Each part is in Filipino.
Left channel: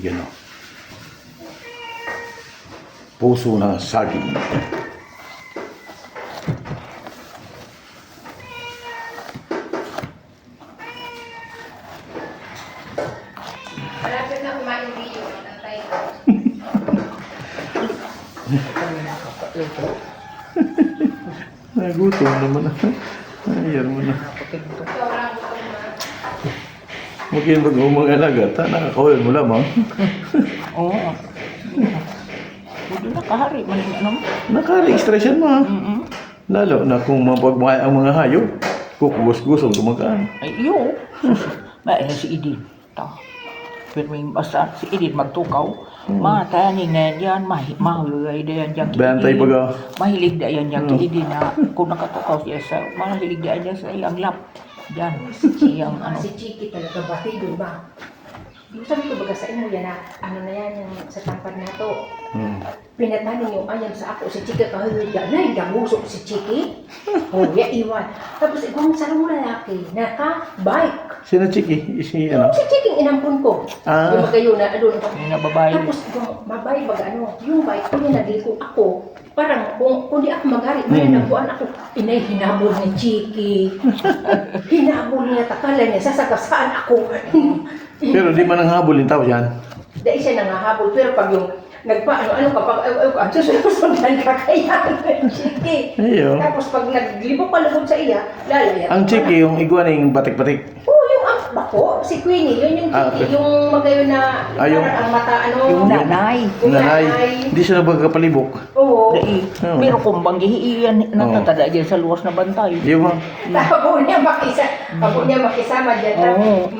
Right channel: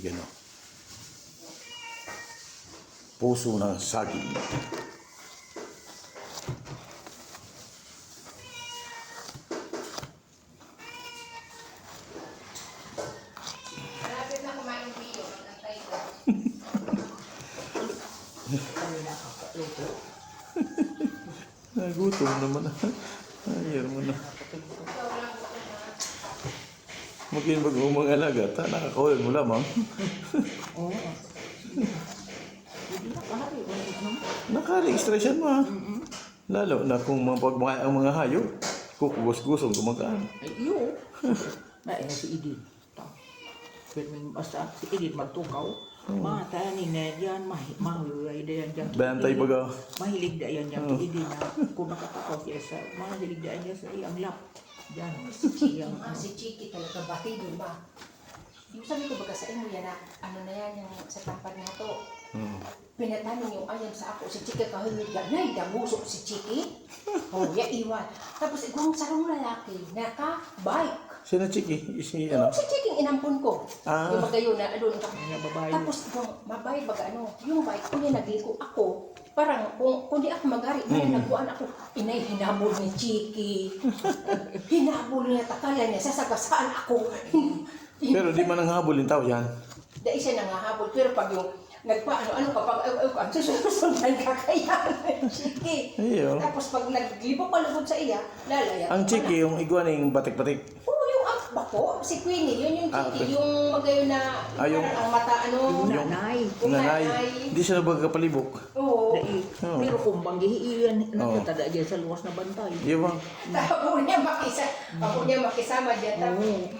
kaibigan. No? Puso na saging. Malapit na kumain yung video. Antay ko. Nagutom naman. Ayan mo na. Ikaw lang gusto mo. Makinig mag-umangalaga. Nakakawin mo lamang. Oo. Hindi nakahari man yung ano. Naka-expression mo. Mm-mm. Lalo na kung mapagmahal ang mga hayop. Kukubos-gusong tumakaan. Ay, iyo. Ba, si Idin. Ito. Pero yung basta si Idin magtukaw, mataning na yan, mahulay da yan dyan. Bantay baga. Mahilig da yan dyan kay Idin na kung nakatukaw siya sa, mahilig da yan sa iyang lap. Diyan, siyang ano. Si Chiki talaga batido ba? Yung sabi ko baga sa inyo yan na ano na yan yung sa tampad na to. Pinatanin yung ayam sa ako si Chiki kahulugan na idangusok si Chiki. Oh, ya iwan. Tapos ibang sarong lalaki naka-bike. Sino Chiki? Si Yung ano? si Chiki inampun ko. Ah. Yung magayo na doon. Yung nababae. Tapos kung mabay baga ano, yung bike ko yung nagiliko ako. Parang kung di ako maghari, may nabuan ako. Inay, hinabol ni Chiki. Hinabol niya, takala niya, sasagasaan ako. Pero di man ang habol yung tao yan. Dahil siya nangahabol, pero pag yung nagpaano-ano kapag ang susunod-sundan ka kaya Chiki. Ayo. Tapos pag naglibok palugod sa iya, lalaya. Ang Chiki, yung iguaning batik-batik. Oo, yung bako, si Queenie, yun yung Chiki, yung magayo na yung- parang ang mata, ano. Yung nanay. Yung Nanay. nanay. Hindi sila magkapalibok. Oo. Dai, Oo. pero kung banggihiiyan, natatada dyan sa luwas na bantay. Di ba? Abo niya makisama dyan. Oo.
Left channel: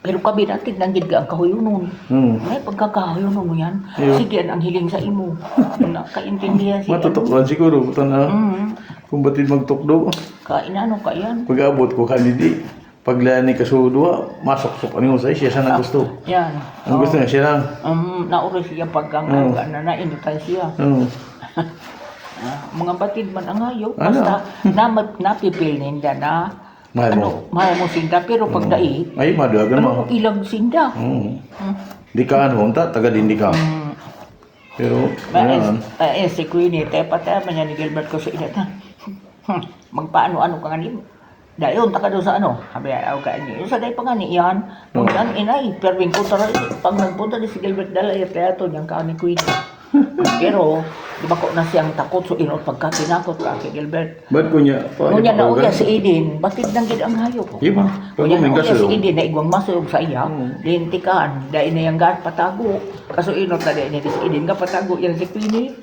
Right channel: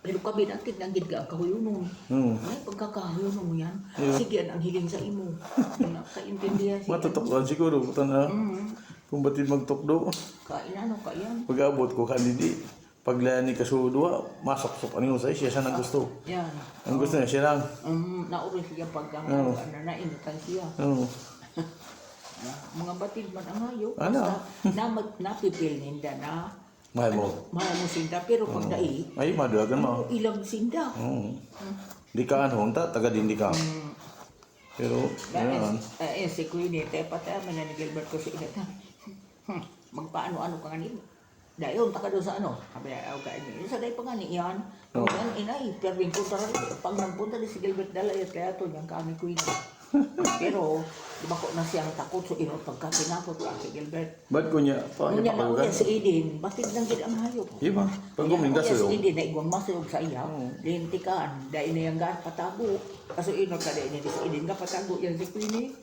Pero kabi natin nanggid ka ang kahuyunon. May pagkakahuyunon mo yan. Iyo. Sige, ang hiling sa imo. Nakaintindihan siya. Matutuklan siguro. Ito na. Kung batid magtukdo. Kainano ka yan. Pag-abot ko kanidi. Paglani ka sudwa, masok-sok ano sa siya sa gusto. Yan. Ang gusto niya siya lang. Nauri siya pagkang na nainutan siya. Oo. Mga batid man ang hayop. Ano? Basta napipil ninda na Mahal mo. mahal mo sinda. Pero pag dai, Ay, madagan mo. ano ilang sinda. Di ka ano, taga din di ka. Pero, yan. Si Queenie, tayo patay man yan ni Gilbert ko sa ina na. Magpaano-ano ka nga ni dayon taka doon sa ano, sabi ayaw ka niya. Yung sa day pa nga ni iyan, nung ang inay, perwing ko tara, pag nagpunta ni si Gilbert dala, yung teatro niyang ka ni Queenie. Pero, di ba ko na siyang takot, so inot pagkakinakot ka kay Gilbert. Ba't ko niya? Ngunya na uya si Eden, batid lang gid ang hayop. Di ba? Ngunya na Pag uya si umigas Eden na igwang masuyog sa iya, lintikan, dahil na yung gan patago. Kaso inot na dahil niya si Eden nga patago yan si Queenie.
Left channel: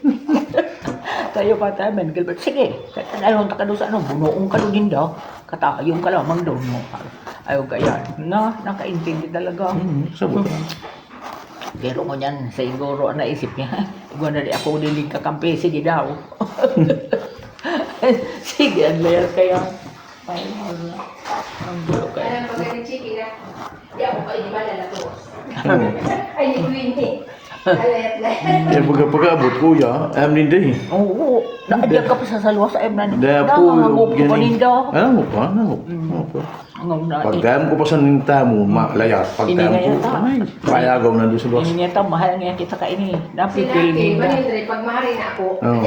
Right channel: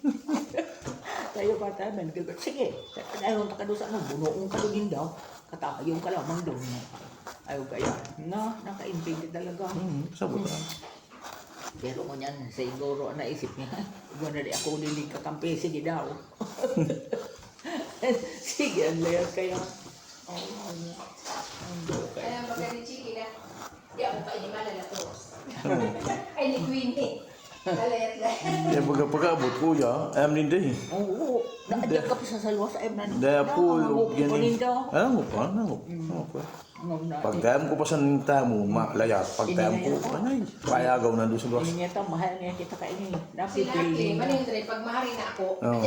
Tayo pa tayo, man, Gilbert, sige, ayaw ka doon sa ano, bunoong ka doon din daw. Katayong ka lamang doon mo. Ayaw ka yan. Nakaintindi talaga. Sabot. Pero mo yan, siguro naisip niya, iguan na di ako dilig kakampi, sige daw. Sige, ang layar kaya. Ay, wala. Ang gulo kaya. Alam pag ni Chiki na, di ako kayo di ba lalatos. Ay, di Queenie. Alayat na. Kaya pagkabot kuya, alam din din. Oo, naadya ka pa sa salwa sa emnan. Daya po, Nakangangop ko pa ninda. Ano mo pa? Ano mo pa? Ang na, Pagkayam ko pa sa ninta mo, malayas. Pagkayam Hindi ko, nga yata. ay, payagaw na doon sa boss. ini niya mahal nga kita ka ini. Napipil Sinabi, ninda. Manindre, pag mahari na ako, Oo.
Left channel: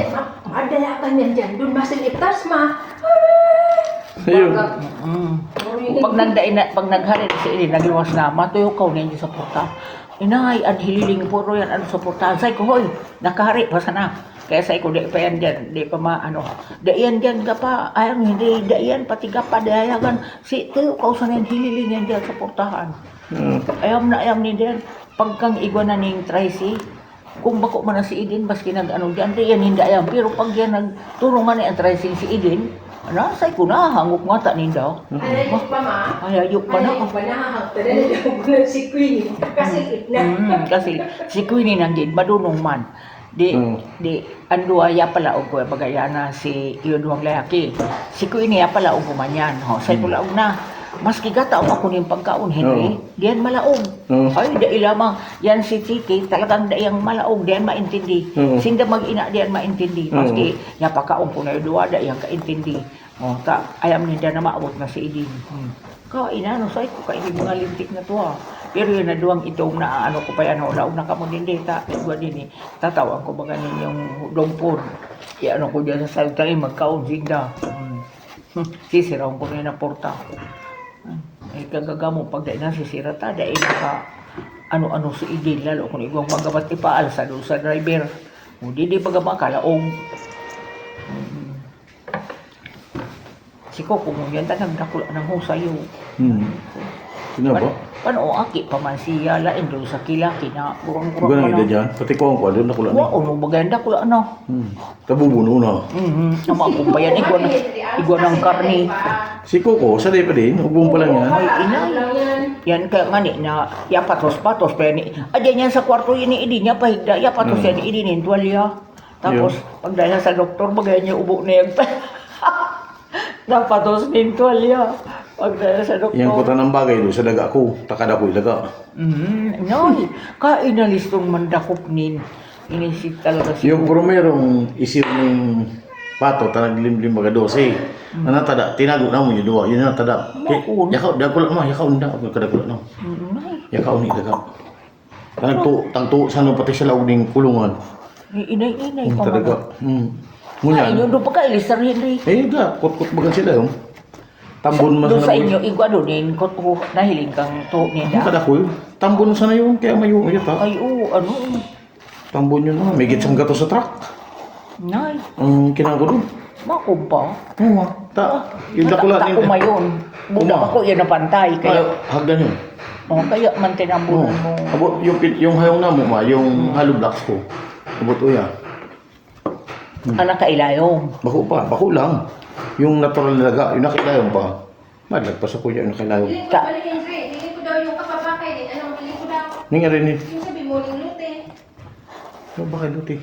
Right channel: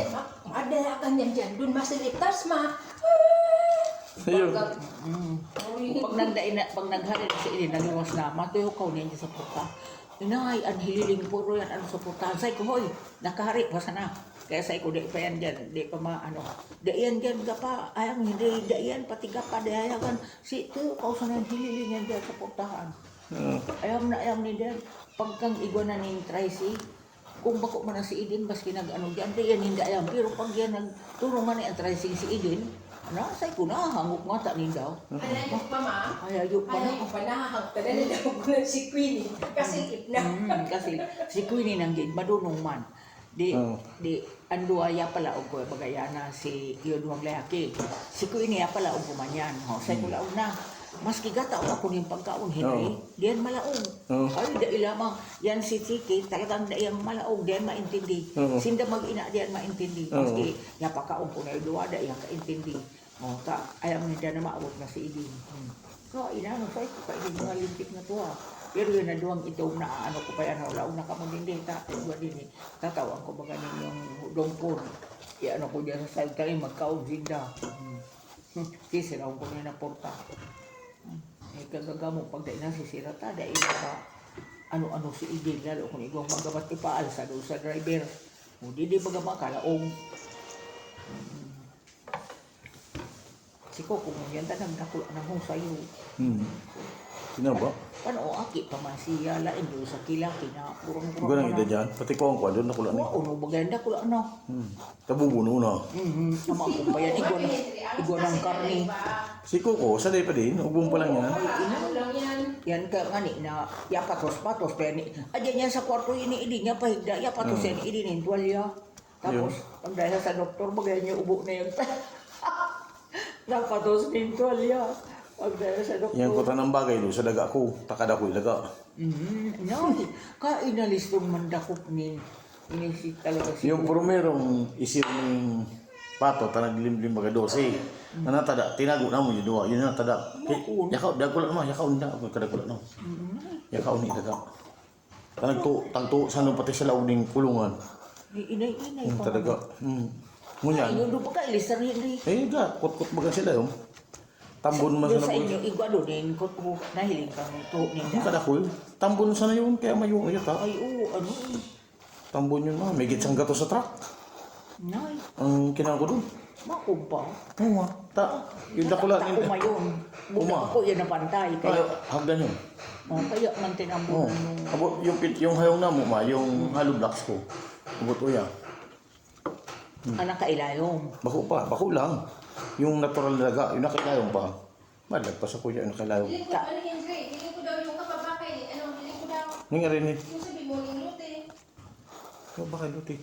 madala ka niyan dyan, doon masiniptas ma. Ayun. Pag nagdain na, pag naghari sa ini, nagiwas na, matuyo ka ninyo sa porta. Inay, ang hililing puro yan, ano sa porta. Say ko, hoy, nakahari, basta na. Kaya say ko, di pa yan dyan, di pa maano. Daiyan dyan ka pa, ayaw hindi, daiyan, pati ka pa, dayagan. Si, tuyo ka sa yan, hililing yan dyan sa portahan. Ayam ni dyan. Pagkang igwa na ning Tracy, kung bako man na si Eden, baski nag-ano dyan, di yan hindi ayam. Pero pag yan nagturungan ni ang Tracy si Eden, say ko na, hangok nga ta ninda. Alayok pa ma. Ayayok pa na. Alayok pa na, hangtadala ko si Queenie. Kasi na. Kasi si Queenie nanggid, madunong man. Di anduaya pala og ko bagayana si Iodwang Layaki. Si Queenie pala og kumanyan. Say ko laog na. Maski gataw ako ning pagkaon Henry, diyan malaog. Ay dai lamang yan si Chiki talagang dayang malaog, diyan maintindi. Sinda mag-ina diyan maintindi. Maski yapakaon ko na duwa dayang kaintindi. Ta ayam ninda na maabot na si Idin. Kain na, say ko kain mga lintik na to ah. Pero yun na duwang itong na ano ko pa yan, laog na kamo din dita. Igwa din eh. Tatawag ko ba ganin yung dongpon. Ano ko dyan sa sayot tayo, magkaon sinda. Sisiraw ko na yung porta. Ay kagagamo pag dahil na sisira ta, dahil naka ano-ano si Igil, lalo kung igwang magabat ipaalsa doon sa driver. O di pagama kalaong. Si Coco mo yan, nagdakula ng husayo. Sino ba? Paano aki pa man siya, lain doon sa kilaki na kurang-kurang Gano'n man. ida dyan. Pati ko ang kwado, nakula na. Wow, ano maganda kula ano? Tabubuno na. Nama akong bayan, igwa ng karni. Si Coco, sanay pa din. Hubong pa lang yan. Ay, inay. Yan kaya nga ni na yapatos-patos pa ni. Adyan yan sa kwarto yun ni Idi niya pahigda. Yapatos yan ni Idi ni tuwalya. Tapos pag dahil sa doktor bagay niya ubo na yung napatos ni tuwalya. Pag dahil sa doktor. Yang kuta ng bagay doon sa daga ko. Takada ko ilaga. Noy, kainalis tong mandakop nin. Inisip talaga siya. Yung primerong isiw ng pato, tanaglimlim baga 12. Ano tada, tinago na mo yung dua. Yun na tada. Bakun. Yakaw, dagkulat mo. Yakaw na. Kadagkulat no. Yakaw ni daga. Tangtu, sano pati sa laog ng kulungan. Inay pa Talaga. man. Munyan. Ay, doon pa ka ilis rin rin. Eh, da, kot-kot baga sila yung. Tambon Doon sa masana inyo, igwa doon din, ko nahiling kang to nida. kada ko yun. Tambon sana yung kaya mayo ta. Ay, oo, ano Tambon yun na. May gitsang gato sa truck. Nay, Ang kinangko doon. makumpa. Oo yung dakulat Tako mayon. Budak Uma. ako yan na pantay. Kaya, hagdan yun. kaya man tinambunan mo. Abot yung hayong namo ma, yung hollow blocks ko. Abot uya. Anak kailayong. Bako lang. Yung natural na laga, yung nakilayong pa. Malagpas ako yung nakilayong. Hindi ko balik yung Dre. Hindi ko daw yung kapapakay din. Anong hindi ko daw? Ning rin ni. Yung sabi mo, yung lute. Ano ba kayo luti?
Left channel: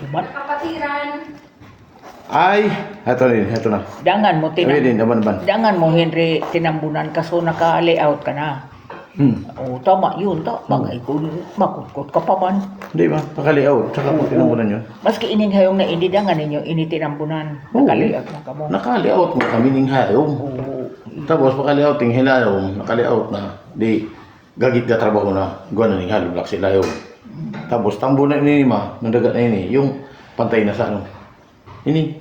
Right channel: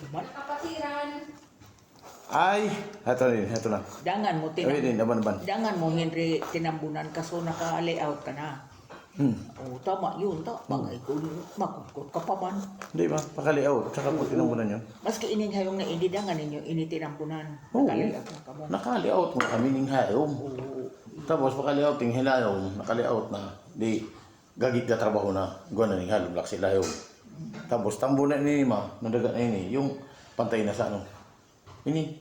Duman. Kapatiran. Ay, heto na. Dangan mo, Ay din, naman. dangan mo, Henry, tinambunan ka so naka-layout ka na. O, tama yun. Bagay ko, makutkot ka pa man. Hindi ba? Pakalayout. Tsaka po tinamunan yun. Maski ining hayong na hindi dangan ninyo, initinambunan. Oo. Naka-layout na ka mo. Nakalayout mo kami ning hayong. Oo. Tapos pakalayout ting hilayong, nakalayout na. Di, gagit ka trabaho na. Gano'n ning hollow blocks hilayong. Tapos tambo na ini ma, nadagat na ini. Yung pantay na sa ano. Ini,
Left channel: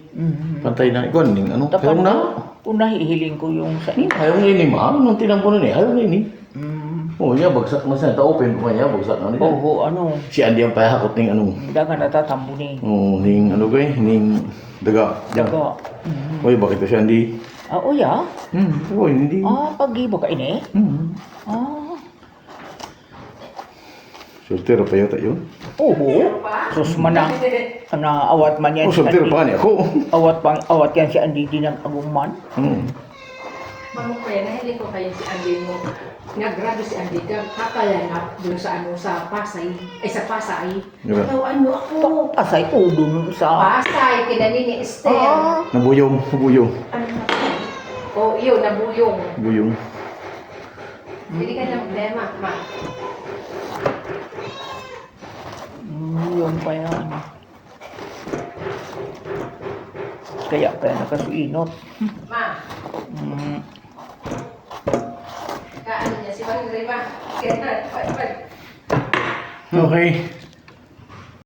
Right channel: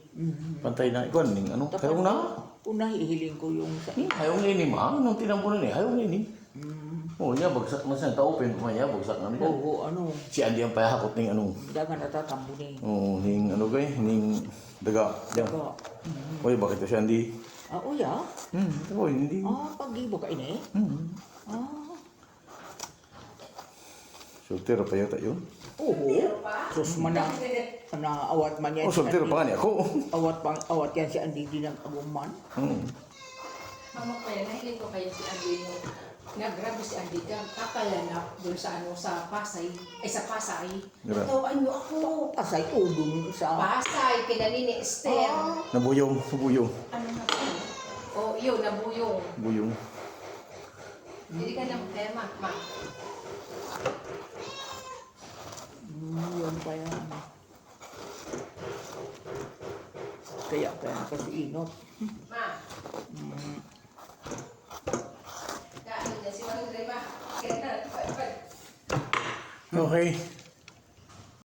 pantay na. Gano'n ning ano. Hayong na. Una hihiling ko yung sa inyo. Hayong na ini ma. Nung tinambo na ni, hayong na ini. Oh, niya bagsak man sa open ko niya bagsak na nila. Oo, ano. Si Andy ang pahakot ning ano. Dangan natatambo ni. Oh, ning ano gay, ning daga. Daga. Oy, bakit to si Andy? O ya? Oy, hindi. Pag-ibo ka ini? Soltero pa yata yun. Oo. Sus man na awat man yan Oh, si soltero Andy. pa niya ako. Awat yan si Andy din ang agungman. Mamuk kaya, nahiling ko kaya si Andy mo. Nag-grabe si Andy, kakalanap doon sa ano, sa Pasay. Ay, sa Pasay. Diba? Natawaan mo ako. Pasay ko dun sa... Pasay, kina ni Esther. Nabuyong. Ano na oh, yun, nabuyong. Buyong. Hindi ka na problema, ma. Yun pa yan. Kaya nakasuinot. Ma, kaano niya, si Maring Rima. Okay.